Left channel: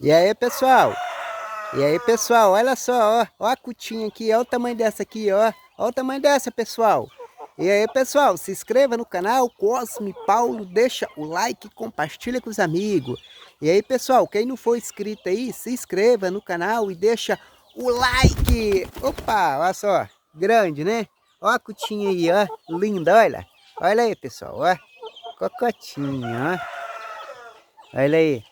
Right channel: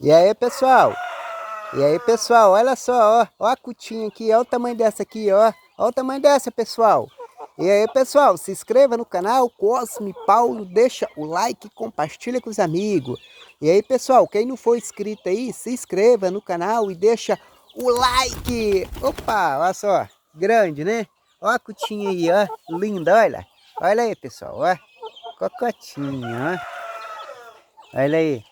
E aí, pessoal? E aí, pessoal? Olha só, ó. Ó a cutinha aqui, ó o tamanho dessa aqui, ó. Ó o tamanho dessa, pessoal. E aí, pessoal, se inscreva no canal Cosme Paulo, deixa o like, compartilha com os amigos. E aí, pessoal, quem não for inscrito aí, se inscreva no canal e deixa o like. Opa, olha só, grande, né? Ó a cutinha aí, ó, linda, olha. Olha aí, pessoal, ó. Cocotinha, ó. Olha aí.